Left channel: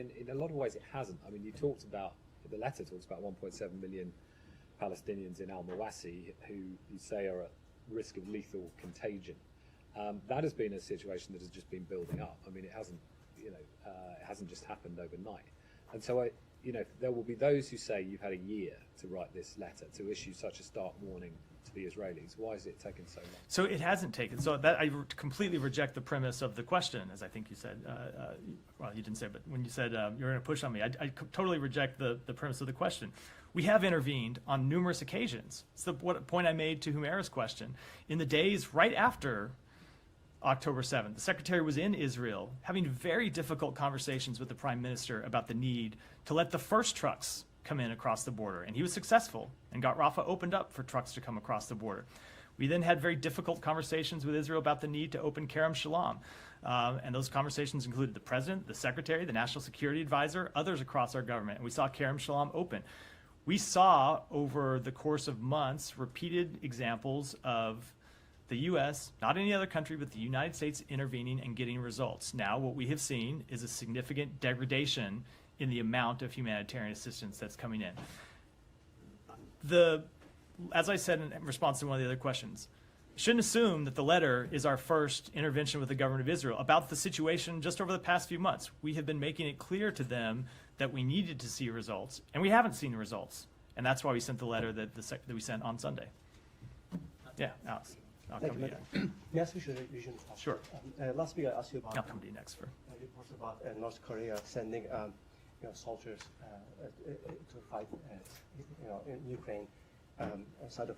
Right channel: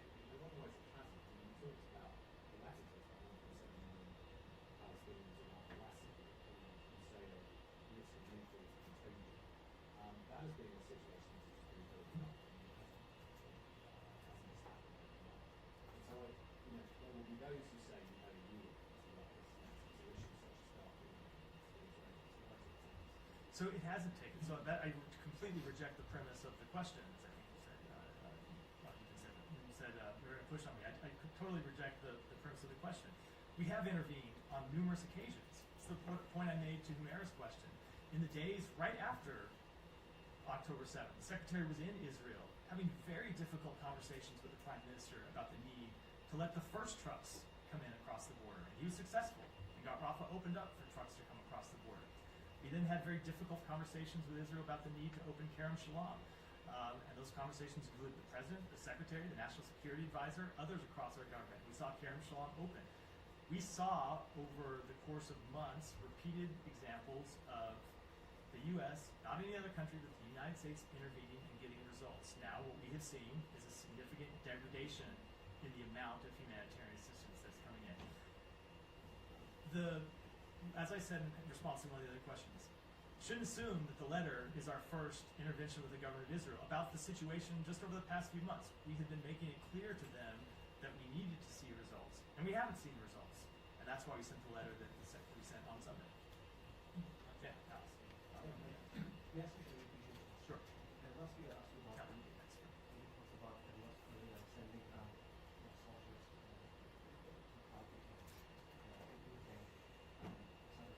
in a lot of ways it hasn't. I mean, the letter talks about 1.7 million Palestinians in al-Mawassi who you say are at risk of lethal contagion. That has been a situation that has just been building up. I mean, it hasn't just happened overnight. And so there will be those who say you've had a year to write this letter, to issue such a stark warning to the Israelis. Why is it taking so long? So it hasn't taken. So that I completely reject the premise of the question, as I think you said. Well, you didn't say, but when you said you're going to push on me, I totally reject the premise of the question. We have intervened on numerous occasions. It's the point I made to Humaira's question. In the days right after October 7th, the Secretary was in Israel having very difficult conversations with the Prime Minister about the need to let the first trucks come in across the border. And he was successful and got Rafah opened up for trucks to come across the border. We then had very difficult conversations with Israel about the need to open Kerem Shalom. And those conversations included the President, the Secretary, the National Security Advisor, others across our government. And we saw Kerem Shalom open. We saw over the course of months repeated examples of the U.S., not any other country, but the United States intervening and getting results. Now what we have seen is a significant degradation in the amount of humanitarian assistance that's coming in. As I said in response to one of the other questions, shouldn't assume that the letter is our first intervention with the government of Israel about the situation just over the past few months. We have been making it clear to them that we needed to see results, and we haven't seen the results. And that's why we sent the letter that we sent on Sunday. Yeah, Alex, I'll come to you. Yes, we should. Sure. Last week I asked you about. I'll come to you next. You talked about North Korea sending soldiers to fight in Ukraine outside of